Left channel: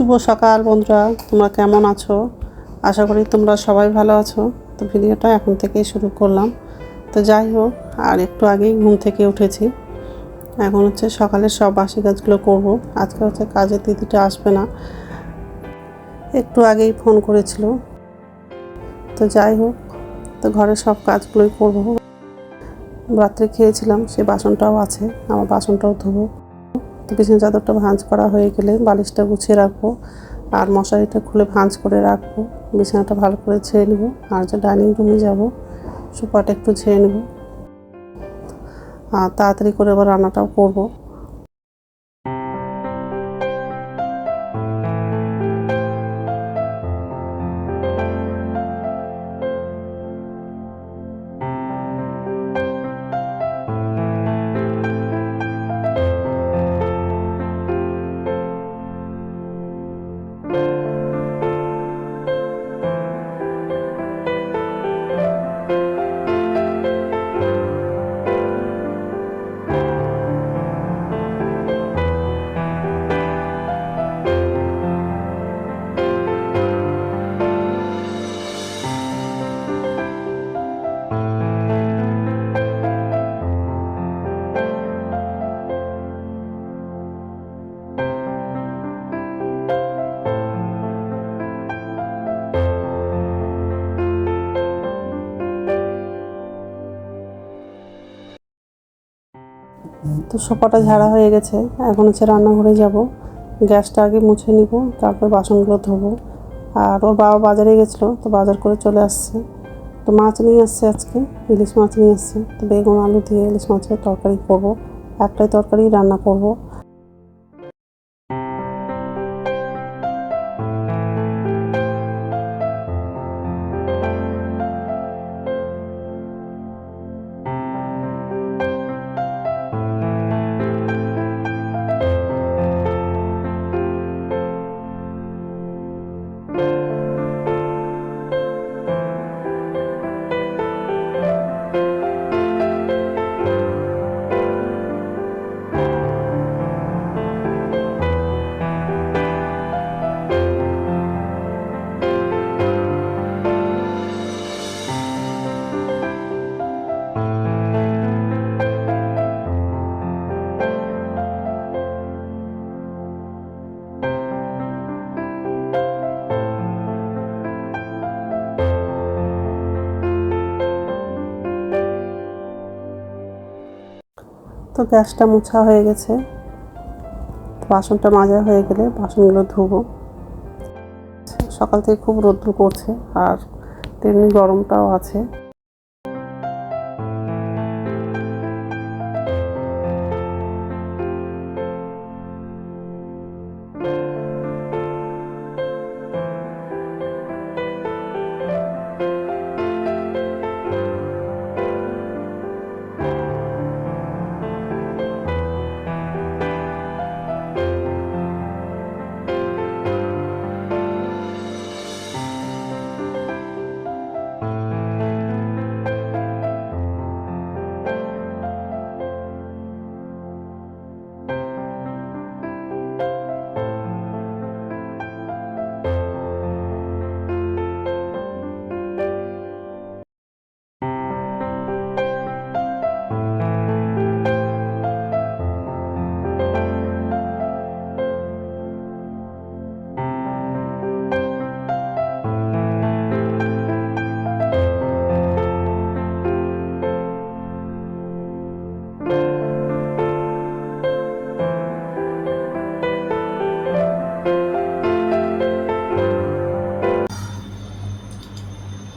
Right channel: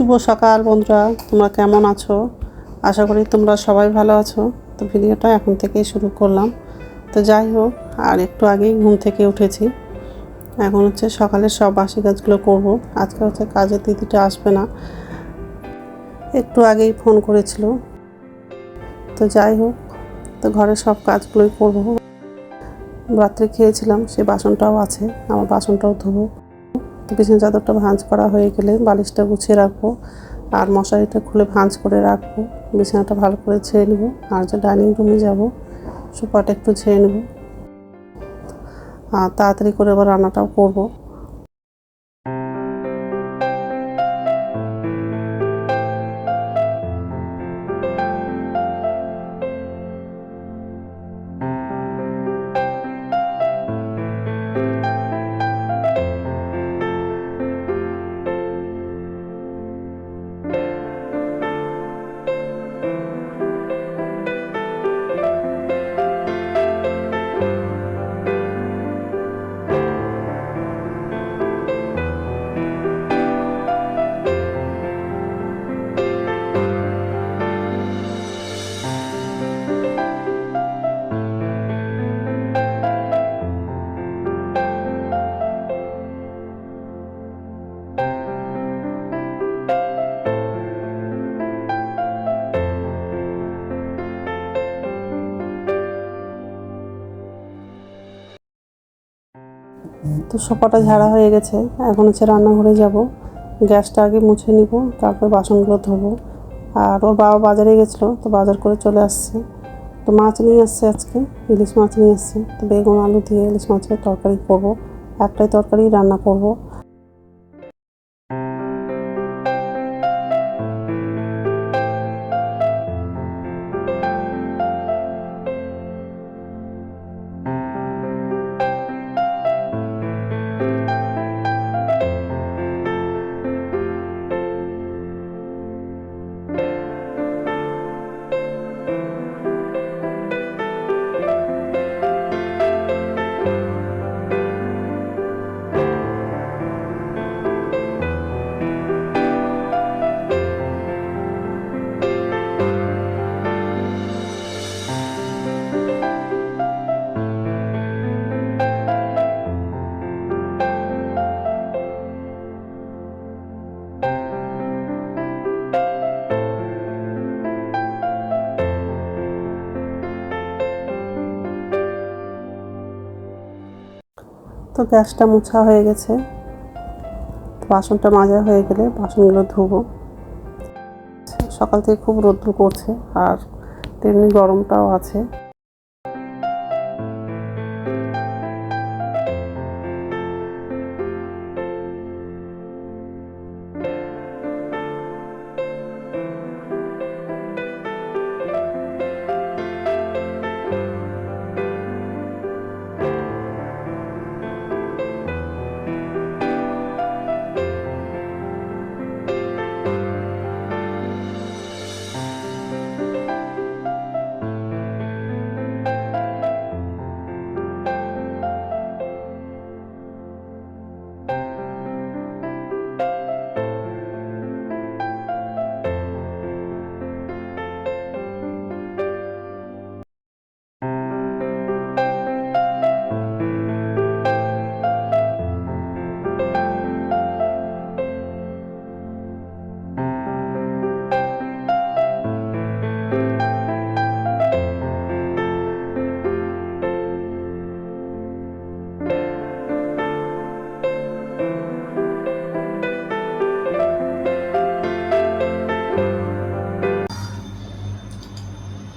শুভ সকাল বন্ধুরা, তোমরা কেমন আছো? আশা করি তোমরা সবাই ভালো আছো। তো ভিডিওটা এখন থেকেই শুরু করলাম। তো যাই হোক, আর একটু আগেই ঘুম থেকে উঠেছি। এখন সকালের সব বাসি কাজগুলো করব। আজকে কাজের দিদিটা আসবে না, একটু আগেই ফোন করেছিল। তো যাই হোক, তো ঘরের সব কাজগুলোই করব। রাত্রে খেয়েছিলাম, সে বাসনটাও আছে, আমার বাসনটাও ধোবো। তো বিছানা চাদরটা ভাঁজ করা হয়ে গেলে বালিশটা গুছিয়ে রাখবো, আর মশারিটা খুলে ভাঁজ করে রাখবো। বিছানাটা ভালো করে ছেড়ে নেবো, আর ডাইনিং রুমে যাবো, সোফাটা একটু ছেড়ে নেবো, আর তাড়াতাড়ি করে আবার রান্নাটাও করবো। তো সোফাটা ঝাড়া হয়ে গেছে, এখন রান্নাঘরে যাব। গ্যাসটা আগে মুছে নিব, তারপর বাসনগুলো ধোবো। আর ওর বাবা বাজারে গেছিলো, তো বাজার করে চলে আসছে। তো মাছ নিয়ে আসছে, আজকে ইলিশ মাছ নিয়ে আসছে। তো বেগুন আলু দিয়ে ইলিশ মাছের তরকারি করব, একটাই তরকারি রান্না করব। তো গ্যাসটা মোছা হয়ে গেছে, বাসনটা মাজা হয়ে গেলে বাসনগুলো ধুবো। সকাল থেকে খুব রোদ্দুর করছে, আর তেমনি গরমটাও আছে।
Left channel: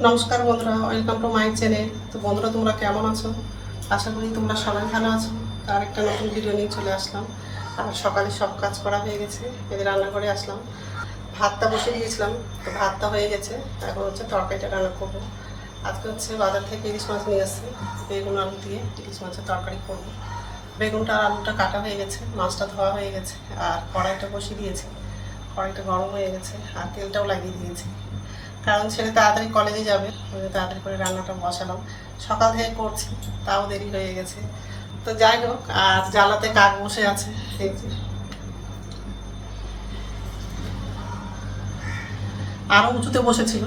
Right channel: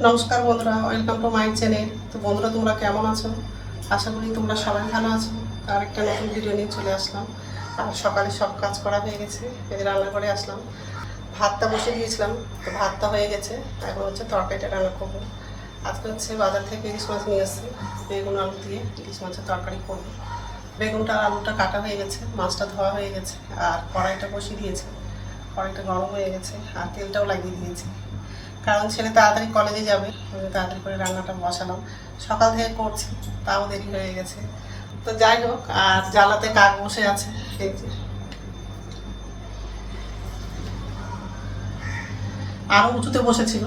নমস্কার বন্ধুরা, ওয়েলকাম টু মাই চ্যানেল। তো বন্ধুরা, তোমরা কেমন আছো? আশা করি তোমরা সবাই ভালো আছো। তার একটা নতুন ভিডিও নিয়ে চলে আসলাম। আর সকালে সব কাজ করা হয়ে গেছে, এদের রান্নাঘরে আসলাম। ভাতটা বসে দিয়েছিলাম, তো ভাতটা হয়ে গেছে। এখন তরকারিটা রান্না করবো। আজকে বাজার থেকে ইলিশ মাছ নিয়ে আসছে, বেগুন আলু দিয়ে ইলিশ মাছের তরকারি করবো। বেগুনটা আর আলুটা কাটা হয়ে গেছে, মাছটা ধোয়া হয়ে গেছে, আর কড়াইটা বসিয়ে দিয়েছে। কড়াইটা গরম হয়ে গেছে, আর তেলটাও লাগিয়ে দিয়েছি, কারণ ছেলে তাড়াতাড়ি কলেজে যাবে। তাড়াতাড়ি করে রান্নাটা বসালাম, সকাল থেকে করছি, তাও দেরি হয়ে গেছে। তো যাই হোক, আর জ্বালাতে কাক বসে আছে, এই যে আরও উঁচুতে বসেছিল,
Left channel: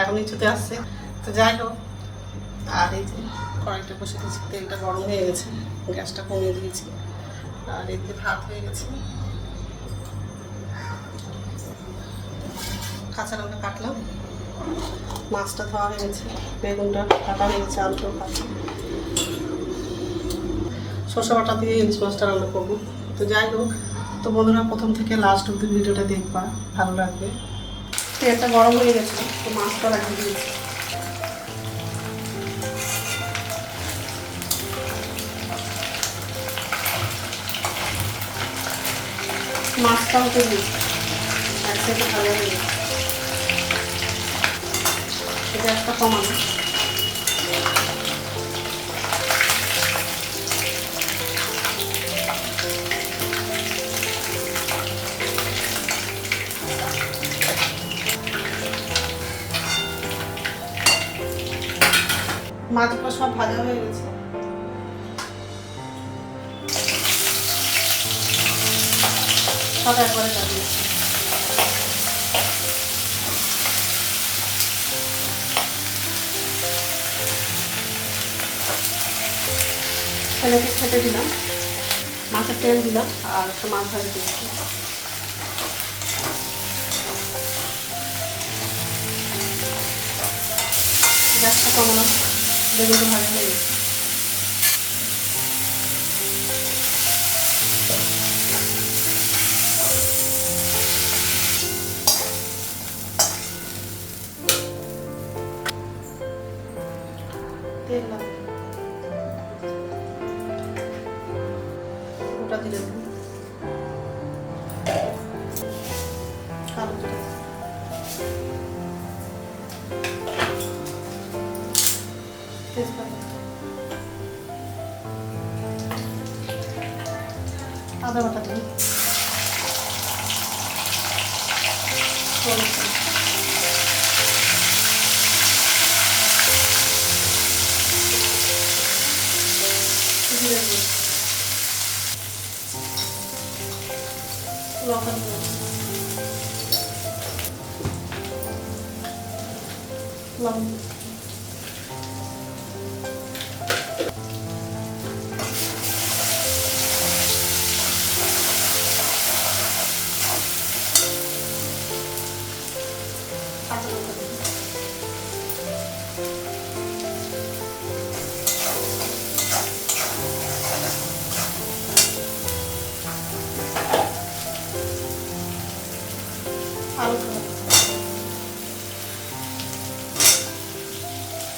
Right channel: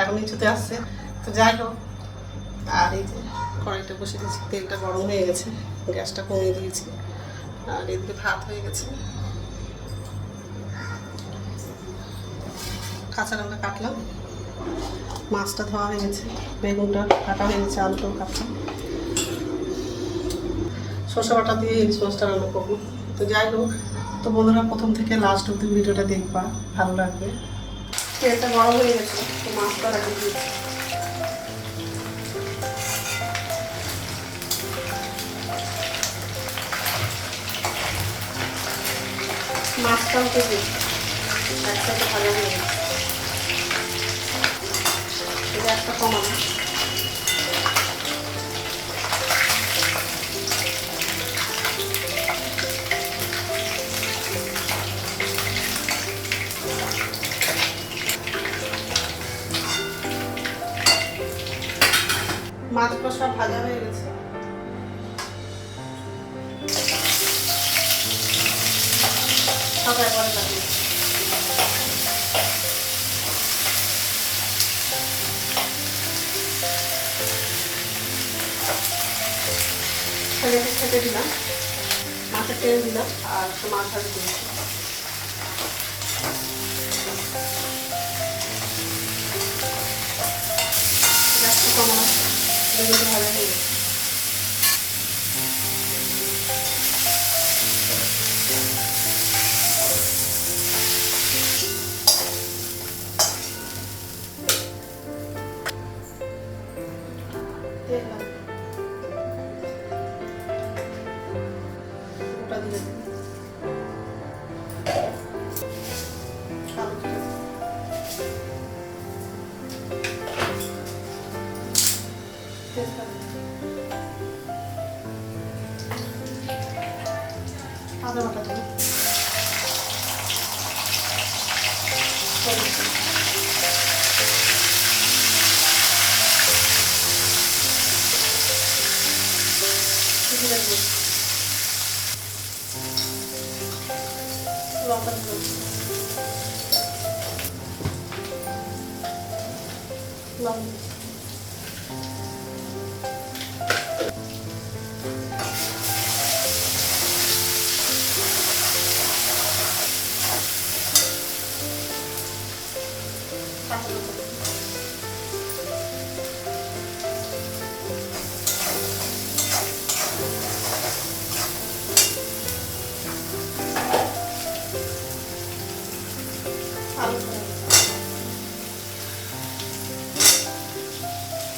এখন নিচুতে আসছে। তো যাই হোক, আর এই যে কড়াইটা বসে দিয়েছি, তেলটা গরম হয়ে গেছে, গ্যাসটা কমিয়ে দিয়েছি, আর এদিকে ভাত হয়ে গেছে। কাঁচা লঙ্কা কাটলাম, মাছটা ধোয়া হয়ে গেছে, বেগুনটা কাটা হয়ে গেছে, আলুটাও কাটছি। সরষে বাটা দিয়ে ইলিশ মাছটা রান্না করবো। তো যাই হোক, তো বন্ধুরা প্রথম থেকে লাস্ট অব্দি ভিডিওটা দেখবা, ভালো লাগবে। তেলটা গরম হয়ে গেছে, তো মাছটা লাগিয়ে দিয়েছি। মাছটাও তো দিই একসাথে ভালো হয়ে গেছে, এটা একটা কমানো। মাছগুলো সব ভাজা হয়ে গেছে, সব একবারে লাগিয়ে ছেলেকে খেতে দিলাম, মাছের তেল দিলাম, আর একটু মাছ ভাজি দিয়েছি। গ্যাসটা কমানো, বেগুনটা ভালো হয়ে গেছে। তেল লাগবে, গোটা জিরে দিন, আলু দিন, তেজপাতা, আদা বাটা দিন, জিরে দিন, লঙ্কা দিন, লবণ,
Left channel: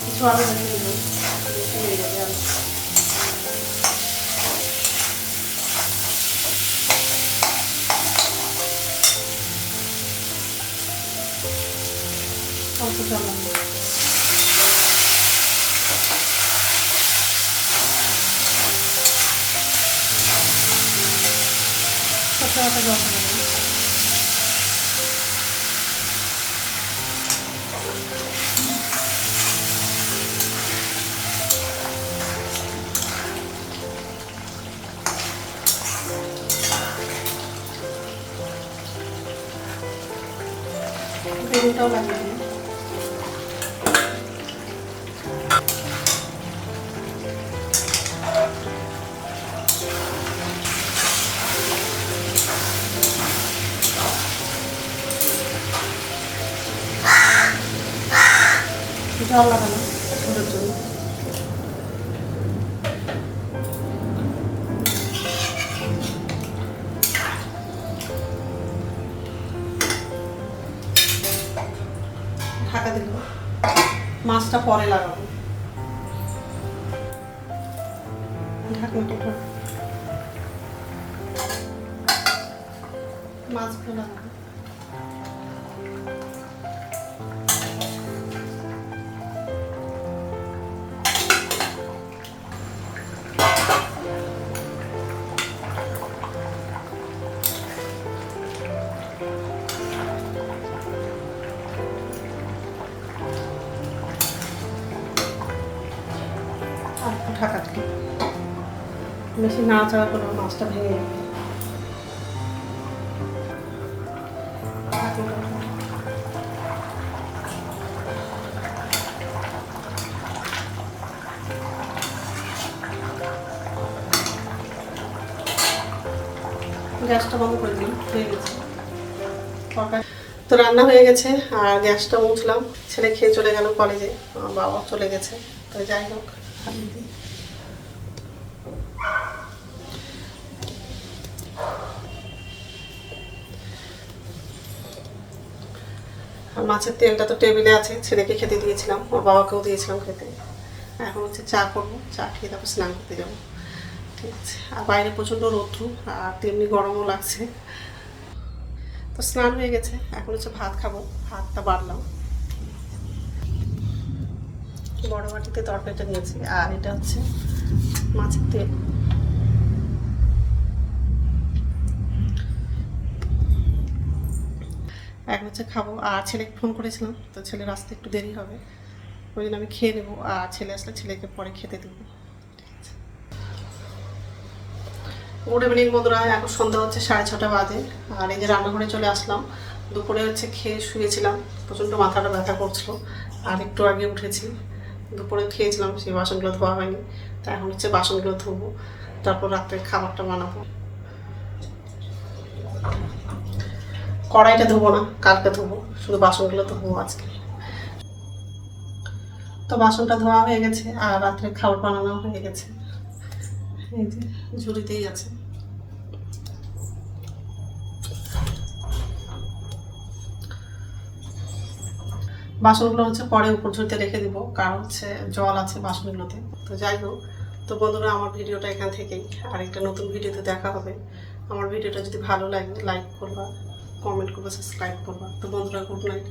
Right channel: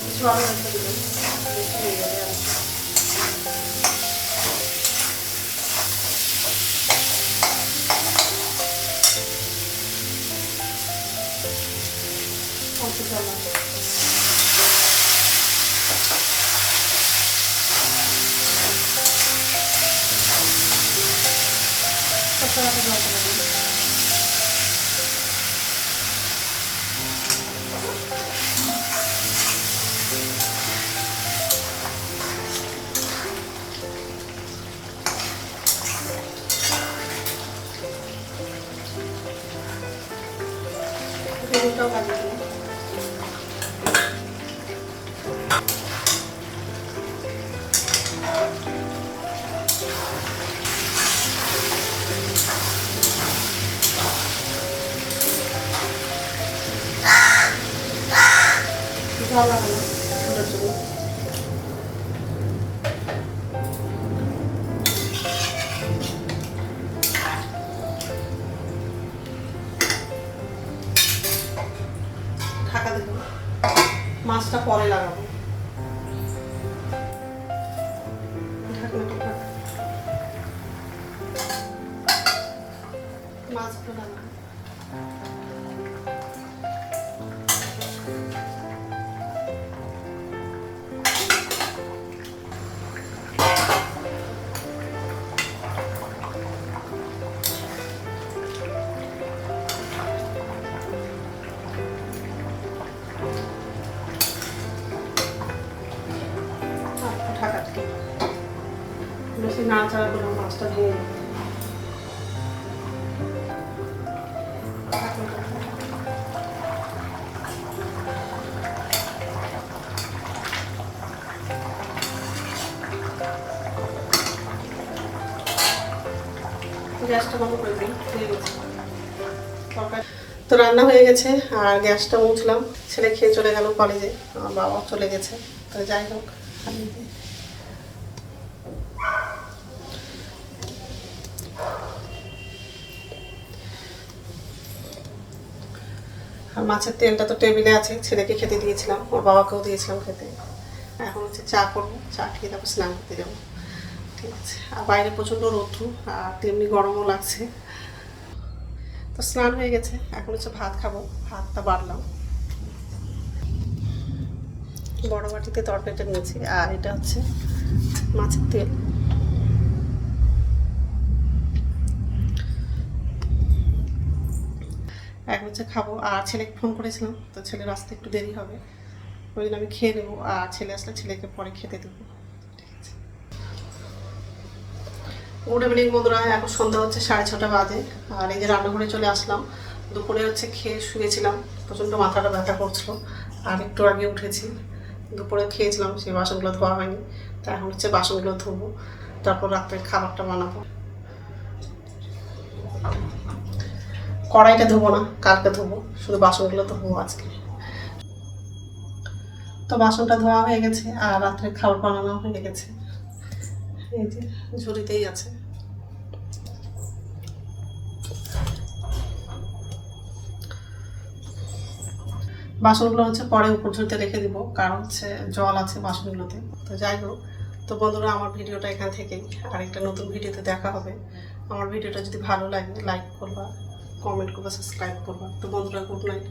কিছু আলু রেখে দেবেন, বেশি হয়ে যাবে আলু। অল্প জল লাগবে, কষা জল দেবেন। বেগুনটাও লাগিয়ে দিন, জল লাগানো ওদের জন্য। ঢাকা দিব, মাছটা পরে লাগাবো, ঢাকনাটা মাছগুলো লাগাবো। ঢাকা থেকে বেশি নাড়াচাড়া করে মাছটা ভেঙে যাবে। গ্যাসটা বন্ধ করে দিই, হয়ে গেছে তো রান্না হয়ে গেছে। আর গ্যাসটা মুছলাম, ছেলে খেয়ে চলে গেল কলেজে, আমার বাবা চলে গেছে। তো যাই হোক, আর মাছের তেলটা তো টেবিলে আছে, ছেলেকে খেতে দিয়েছিলাম, ওর বাবাকেও দিয়েছিলাম খেতে। এখন হচ্ছে চা করবো, চা খেয়ে তারপর স্নান করতে যাবো। ঠিক আছে, আর বাইরে প্রচণ্ড রৌদ্র আর তেমনি গরমও লাগছে। তো স্নান হয়ে গেছে, এখন হচ্ছে ভাত খাবো, ভাতটা বাড়লাম। বড় বাটিতে তরকারিটা নিয়েছি, আর এটা হচ্ছে মাছের তেল। এখন হচ্ছে খাবো। আর ছেলেকে ফোন করেছিলাম, তো ছেলের আসতে একটু দেরি হবে, ওই জন্য আমি খেয়ে নেবো, আর ছেলে আসলে ছেলেকে পরে খেতে দেবো। গুড ইভিনিং বন্ধুরা, এখন সন্ধ্যা হচ্ছে 6:30 বাজে। আর এই যে রান্নাঘরে চলে আসলাম। দুপুরে হচ্ছে খেয়ে শুয়েছিলাম, প্রচণ্ড মাথাটা ব্যথা করছিল, আর একটু আগে উঠেছি। দুপুরে খেয়েছিলাম, সেই বাসনগুলো ধোয়া হয়নি, তো এখন হচ্ছে বাসনগুলো ধোবো, তারপর রাত্রে খাবারটা বানাবো। কড়াইটা ধোবো না, কালকে ধোবো, শুধু বাসনগুলো ধোবো আজকে। তো বাসনটা ধোয়া হয়ে গেছে, আর রাত্রে খাবার বানানো হয়ে গেছে। এই যে ঝুড়িতেই আছে। বাসনগুলো হচ্ছে পরে উপর ঝুড়িতে রেখে দিব, কারণ হচ্ছে জল আছে বাসনগুলোতে। তো যাই হোক, তো বন্ধুরা আমার ভিডিওটা এখান থেকেই, আরেকটা নতুন ভিডিওতে দেখা হবে। আমার ভিডিওটা যদি ভালো লাগে লাইক করবা, কমেন্ট করবা, সাবস্ক্রাইব করবা। তো বন্ধুরা, গুড নাইট।